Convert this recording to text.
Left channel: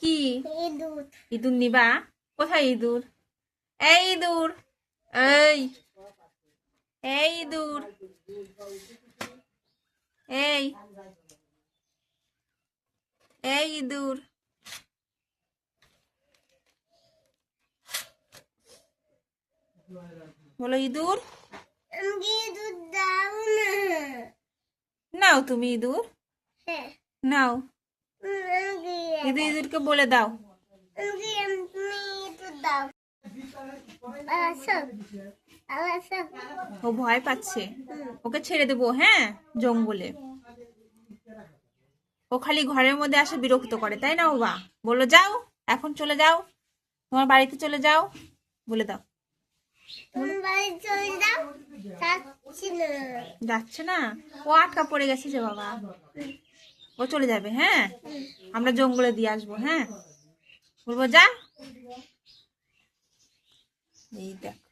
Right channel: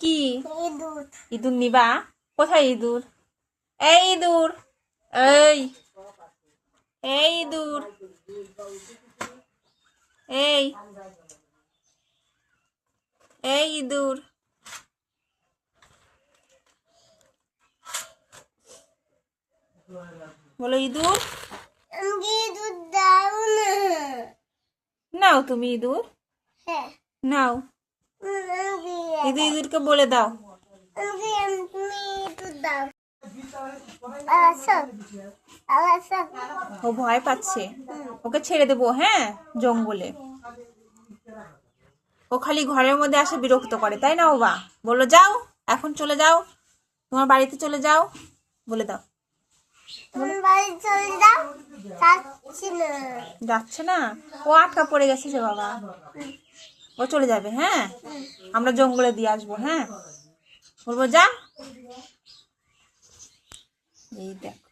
কি ইঁদুর নিবা? কোথায় ইঁদুর? এই ইঁদুর, এই এই ইঁদুর, এই এই ইঁদুর, বলো ইঁদুর। নাও তুমি ইঁদুর, নাও ইঁদুরকে বলে দাও। ও ভয় পাচ্ছে, ওকে ছেড়ে দেবো। হ্যাঁ, জঙ্গলে ও খালি ঘরের মধ্যে আসে, বিরক্ত করে, তাই না? ও বা বললো যাও, এখন চলে যাও, তোমার বাড়িতে চলে যাও, বলে দাও। যাচ্ছে না, ও আটকা পড়ে গেছে যে বাবা, ও চলে যাবে। হ্যাঁ, আমরা জঙ্গলে দিয়ে আসবো। হ্যাঁ, বলবো যা। এই দেখো।